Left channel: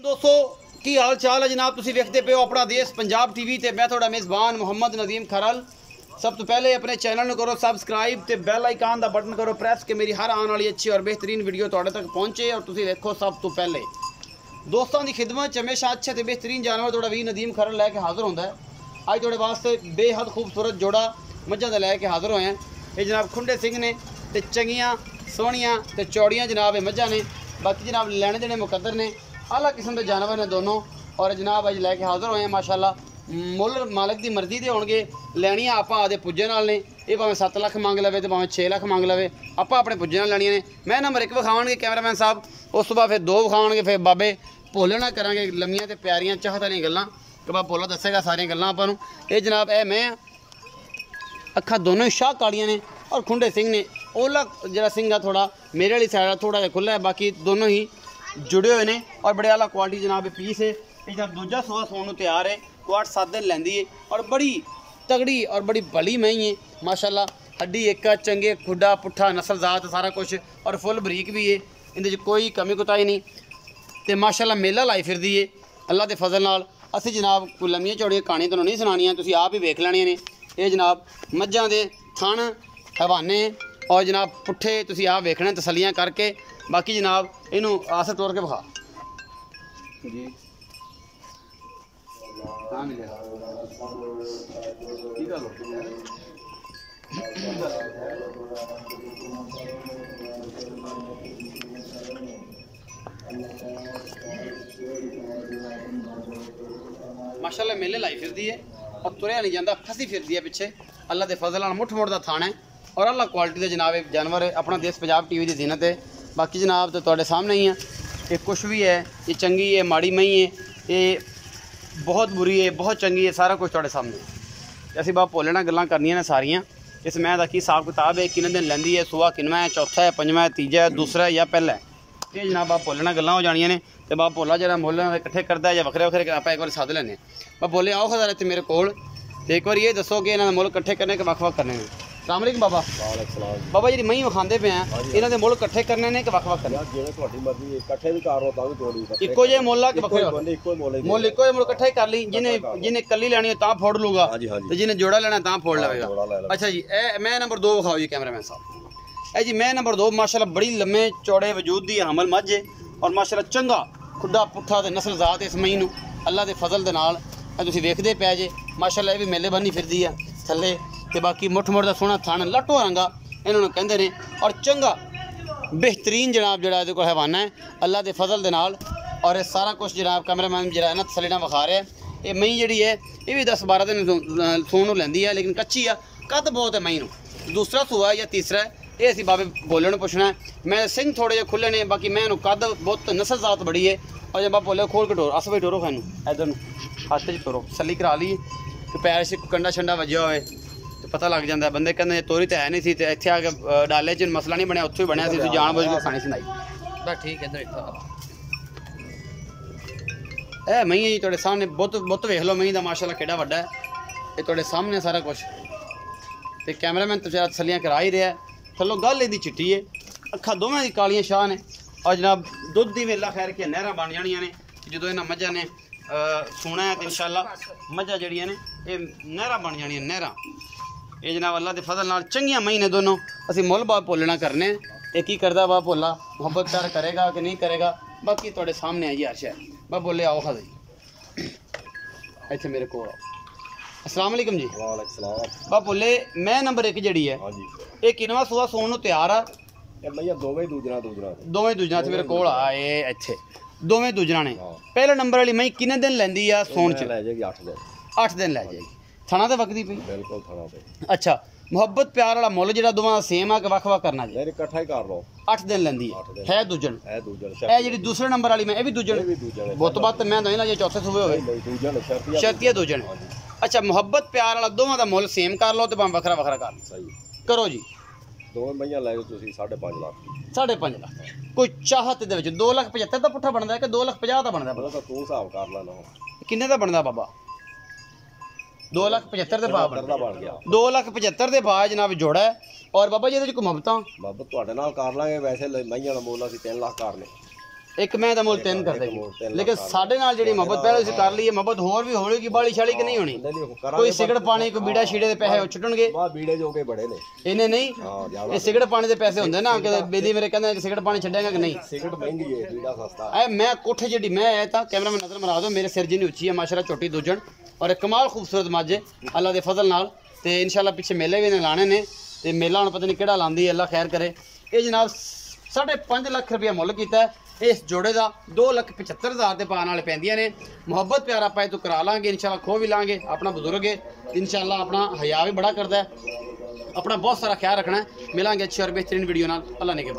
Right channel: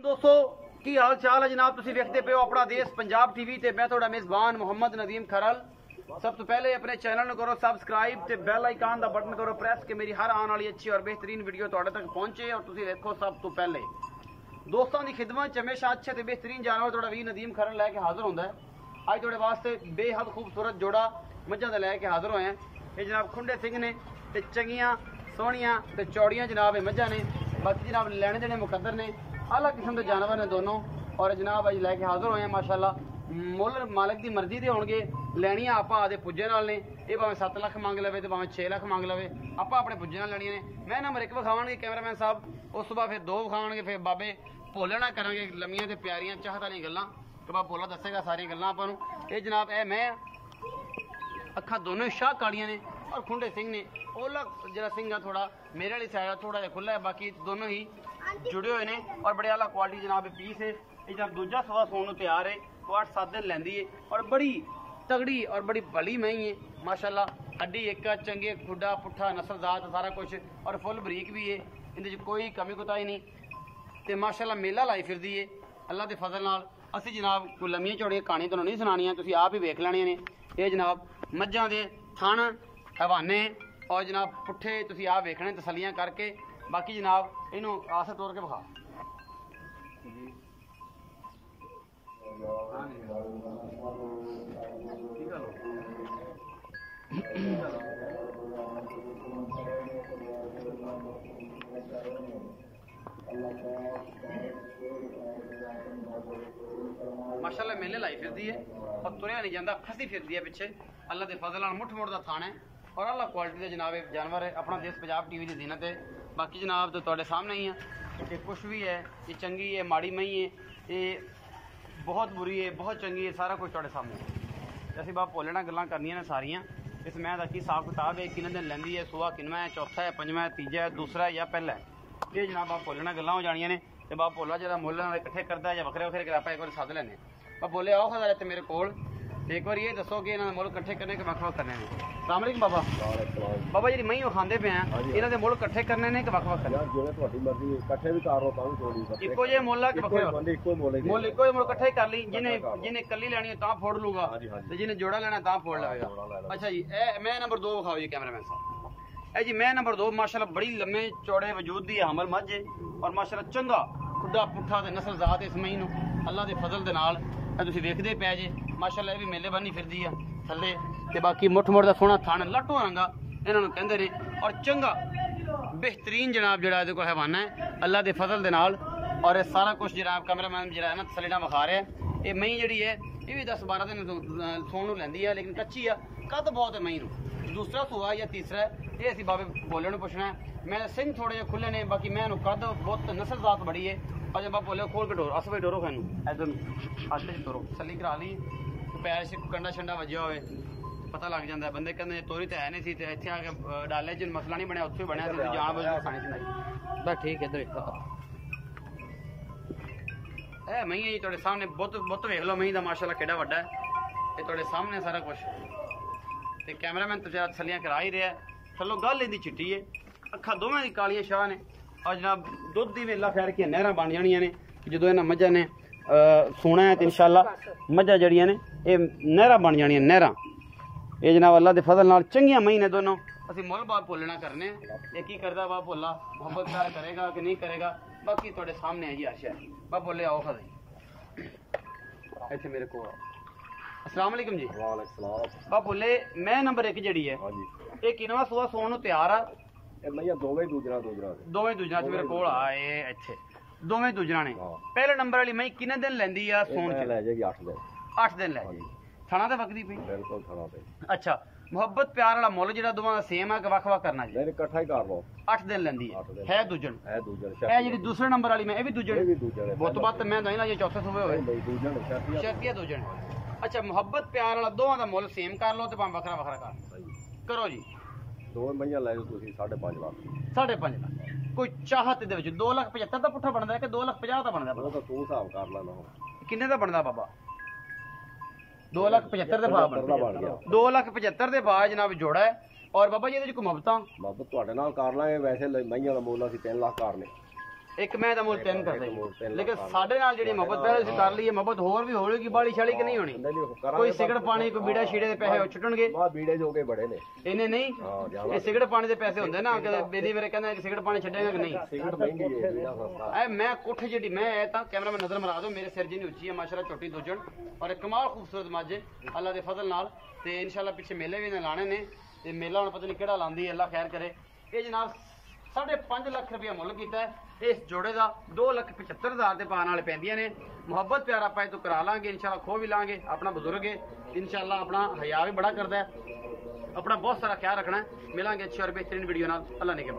दोस्तों की हाल चाल है जनाब, तुम वेखते पे हो अपना देश पंजाब टीवी ते मैं थोड़ा मेज़बान मुहम्मद नदीम खरल। सब तो पहले अपने चैनल करो सबसक्राइब ते बेल आइकन का बटन करो प्रेस कि मेरी हर आने वाली अच्छी और बेहतरीन वीडियो तुहाडे तक पहुँचे और तुम देखो सब तो पहले। दोस्तों की खिदमत हमेशा अच्छे तो बेहतरीन जानवर थोड़ा भी नदीम खरल लैके हाजिर होंदा है। अज थोड़े वास्ते बेहद खूबसूरत जोड़ा मझां दा लैके हाजिर होए हैं। ये जनाब खुंडे सिंह ने ते चंगियां सोहणियां ते चौड़ियां जनाब ये मझां ने। बाकी जनाब लैने देने मुकद्दर ने, आला किस्म के जानवर ने दोनों। और जनाब अज लैके हाजिर होए हैं माशाल्लाह। मुल मालिक की मर्जी के होणगे, लैनियां आपां आदे पुज्जे नाल ने। ये भावें 7 लाख मंग लवे तो भावें 6 लाख मंग लवे, आपां अपने पुज्जे नाल लैनियां ने। मैं नंबर 1 विखावणगे कैमरामैन साहब, उस तो बाद फिर 2 विखावणगे, फिर बाबे भोले ना करांगे लम्मियां ते प्यारियां चाहत वाली गल्लां कि बाबा भोला दसेगा सारियां गल्लां आपां नूं। ये जनाब ए मैं अखा दोनों ही शाह कालियां ने और खुंडे सिंह ने। ओला जरा सिंह थोड़ा मेरे वाली साइड थोड़ा जिहा खुला है, बाकी दोनों ही जुड़े हुए हैं और बड़े आला क्वालिटी जनाब पीस है। ये जनाब दूजा सुबह सोने तैयार है, 8-7 दिन लैंदी है और बड़ी तगड़ी और बड़ी भली मई है माशाल्लाह। हड्डी एक चंगे खुडा पुट्ठा नस्ल जात सारा कुछ और फुल बरीक भी है, इहदे कोई कमी कोताही नहीं। तो माशाल्लाह मेला लाई फिरदी है अल्लाह के फजल नाल। असीं जनाब कोई लम्मियां चौड़ियां कहानियां तुहानूं नहीं सुनानियां, तुसीं आप ही वेख लैणियां ने। ये जनाब मझां दे थण हवाने और जनाब पुट्ठे तुसीं आप वेखने तसलियां करके। बाकी जनाब इनू आसर तोड़ के विखा जी। माशाल्लाह मेले लाई फिरदी है और तुरया नहीं जाता, खसी फिरदी है पिछे। अल्लाह के फजल नाल मुठ मुठ का थान है और अल्लाह क्वालिटी के जनाब एक जानवर है। अपना देश पंजाब टीवी की जीनत है। बाकी जनाब तो तुहाडे सामने ही है, ये कुछ भी है, ये चंगी है माड़ी मई है, ये बहुत बुरी है बहुत चंगी है, सारा कुछ तुहाडे सामने। असीं बाप भोले नाल गल्लां करनियां ने सारियां। इस मैं दा की हिसाब किताब है, किन्ने दिन लैंदी है, सूआ किनवा है, चौथा है, पंजवा है, तीजा है, दूसरा है या पहला है। ये जनाब बाप भोले नाल गल्लां हो जानियां ने। तो बाप भोला जरा मुल इकट्ठे करता है या वखरे वखरे आप एक बार सद लैने। बाप भोले आओ खदार इत्थे मेरे कोल, एक बार ये दसो कि इन्होंने मुल इकट्ठे करने के वक् वक् करने हैं। अस्सलाम वालेकुम बाबा। बाबा जी मई विखांदे पे हैं, इन्होंने मुल इकट्ठे करने ने कि वक् वक् करने? जिवें तुहाडी मर्जी, इकट्ठे भी कर लो तां भी कोई इक्को जे मुल आ कि वखरे इक्को मुल मुल इक्को जे मुल इकट्ठे कर ली। जिन्हें कली लैनी है तां फोड़ लूगा ते जिन्हें जोड़ा लेना तां फोड़ लवेगा। अच्छा जी ए मैं नंबर 2 विखाओ जी कैमरामैन साहब। ए जी मैं नंबर 2 माशाल्लाह बड़ी लम्मे चौड़े वजूद दी हमल मझ है और माशाल्लाह चंगा खुदा पुट्ठा ते नस्ल जात इस मई नूं अल्लाह के फजल दे नाल तुसीं वेखदे पै जे। माशाल्लाह ये भी मेले बनी फिरदी है थल्ले ते बाकी मुठ मुठ का सोहना थन लट्टो रंगा इन्होंने कहते हैं और चंगा बेहतरीन जनाब जरा ये हवाना है अल्लाह के फजल दे नाल। और ये सारा कुछ जनाब कैमरामैन जरा ना तसली नाल विखा रहा है। ये मई जी है ये भी 10-12 दिन सून लैंदी है, लेकिन कच्ची आ, कद बहुत है मई नूं। दूसरा सूआ या तीसरा है, ये असीं बाबे भोले नूं पुछना है। मैं सिंह थोड़े जे खुले ने, बाकी मैं कद बहुत नस्ल जात बड़ी है। और जब आप बोले खोल के टोरो अस भाई टोरो खानू इधर हाथ च टोरो तसली करा ली कि पैर से कंडा शंडा वजया होए तो पता लग जाता है। बंदे कहते तोरी तो है नहीं सी, इत्थे आके डाले च मसला नहीं बनया, उत्थे ही बनया सी, जान बुझ के खानी सुनाई बस ठीक है। इधर ए मई जी तुहाडे सामने बहुत वेख लो मई दा माशाल्लाह केड़ा वड्डा है। ये तुहाडे सामने सारा कुछ ते कैमरामैन तो जरा तसलियां करा ही रहा है। थल्लों गल इहदी चिट्टी है, अखा दोवें दी कालियां शाह ने और जनाब दुध की वेला खैर कि नहरां बन जानियां ने जो इन्हां मझां ने सूना है तो इंशाअल्लाह मझां जड़ियां ने ये नहरां बन जानियां नहरां। ये जनाब अल्लाह के फजल नाल चंगियां मई ने दोनों। असीं मुल बाप भोलना करने ये की करदा बाप भोला मुहब्बत प्यार करेगा कि नहीं करेगा बाकी तुहाडे सामने है जी हर शै। बाप बोले आओ खादी इत्थे मेरे को। अस्सलाम वालेकुम जी। वालेकुम सलाम। बाप बोले मैं नंबर 1 जड़ी है ये किनवा सुबह सोन तैयार आ? भैया दोवें दूजना मेरे कोल आए इत्थे दोवें दूजना ने। पहले नंबर वाली मई किन्ने दिन लैंदी आ सोन च? लै जाएगी 8 दिन। 8 दिन लै जाएगी। थणा ते वकदी पई? बिल्कुल थणा ते। अच्छा मुहब्बत प्यार वाला मुल जेड़ा दोवां दा सेम आ कि वख वख करना जी? नहीं इकट्ठा ही कर लो। 8 दिन लैंदी है दूजन ए जेड़ी दूसरे नंबर वाली मैं ए भी दूजन बहुत बात मैं नहीं ना जे चौथे सूबे होवे दूजन शर्तिया दूजन। अच्छा मुहब्बत प्यार वाला दोवां दा मुल सेम कर लो ते भाਵੇਂ वखरा वखरा कर सही करो जी। दो मईयां लै जाओ तुसीं 5.5 लाख। 5.5 लाख कोई चाहत दे विच 2,75,000 दा पुट्ठा बनदा है कि 2,50,000 दा बनदा? वो तो तू हिसाब कर लेना किन्ने दा बनदा बाबा? 2,75,000 दे भाव बन गया। 2,75,000 दे भाव जनाब जोड़ा है। और बाबा जी ਇਹਦੇ ਚ ਕੋਈ ਮੁਹੱਬਤਾਂ ਬਾਬਾ ਤੁਹਾਡੇ ਨਾਲ ਕਰ ਲਾਂਗੇ। ਵੈਸੇ ਮਈਆਂ ਦਾ ਮੁੱਲ ਅਸੀਂ 3 ਲੱਖ ਕਰਨੇ। ਇੱਕ ਮੈਂ ਤਾਂ ਮੁੱਲ 3 ਕਰਦੇ ਮੁੱਲ ਤਿੰਨ ਲੇਕਿਨ ਸਾਡੇ ਨਾਲ ਜਿਹੜੀ ਮੁਹੱਬਤ ਪਹਿਲੇ ਅਸੀਂ ਕਰ ਲਈਏ ਮੁਹੱਬਤ ਹੋਰ ਵੀ ਹੋਵੇਗੀ ਬਾਲੀ ਛਾਲੀ ਕਿ ਨਹੀਂ ਹੋਣੀ ਕੋਈ ਸਿਗਰਟ ਪਾਣੀ ਕੋਈ ਬੀੜਾ ਛੀੜੇ ਦੇ ਪੈਸੇ ਉਹ ਛੁੱਟਣਗੇ ਮਾ ਬੀੜੇ ਜੋਗੇ ਬੜੇ ਨੇ ਇਹਨੇ ਨਹੀਂ ਹਾਂ ਜ਼ਿਆਦਾ ਇਹ ਸਿਗਰਟ ਪਾਣੀ ਦੇ ਪੈਸੇ ਹੁੰਦੇ ਨਾ ਕਿ ਬੇਦੀ ਮੇਰੇ ਕਹਿੰਦਾ ਕਿ ਸਿਗਰਟ ਪਾਣੀ ਛੱਡੇਗਾ ਕਿ ਨਹੀਂ ਸਿਗਰਟ ਮਹਿੰਗੀ ਹੈ ਬੀੜਾ ਸਸਤਾ ਐ ਮੈਂ ਕੋਠੇ ਜਿਹੜੀ ਮੈਂ ਆਇਆ ਤਾਂ ਕੈਮਰਾ ਮੈਂ ਨਜ਼ਰ ਮਰਾ ਦੋ ਮੇਰੇ ਸਿਰ ਜਿੰਨੀ ਉੱਚੀ ਹੈ ਮਾਸ਼ਾਅੱਲਾ ਝੋਟੀ ਦੂਜਣ ਔਰ ਇੱਕ ਕਮਾਲ ਖੂਬਸੂਰਤ ਮੱਝ ਹੈ ਅੱਲਾ ਦੇ ਫਜ਼ਲ ਨਾਲ ਤੇ ਇਨਸ਼ਾਅੱਲਾ ਪਿੱਛੇ ਮੇਲੇ ਵੀ ਨੇ ਲਾਣੇ ਨੇ ਤੇ ਮੇਲਾ ਹੁਣ ਪਤਾ ਨਹੀਂ ਕਿਹੜਾ ਲਾਂਦੀ ਹੈ ਅੱਲਾ ਖੈਰ ਕਰੇ ਇਹ ਜਨਾਬ 5.5 ਲੱਖ ਰੁਪਇਆ ਮੁੱਲ ਕੀਤਾ ਇਸ ਜੋੜੇ ਦਾ 2,75,000 ਦੇ ਪਾਣ ਵਾਲੇ ਪੈਂਦੀਆਂ ਨੇ ਮੁਹੱਬਤ ਪਿਆਰ ਆਪਾਂ ਇਹ ਤੋਂ ਕਰਾ ਲਾਂਗੇ ਇਨਸ਼ਾਅੱਲਾ ਖੋ ਵੀ ਲਾਂਗੇ ਆਪਣਾ ਬਜ਼ੁਰਗ ਹੈ ਇਨਸ਼ਾਅੱਲਾ ਆਪਣਾ ਹਯਾ ਵੀ ਬੜਾ ਕਰਦਾ ਹੈ अपना बहुत सारा ख्याल रखना है मिलेंगे अच्छी और बेहतरीन वीडियो नाल अल्लाह ने के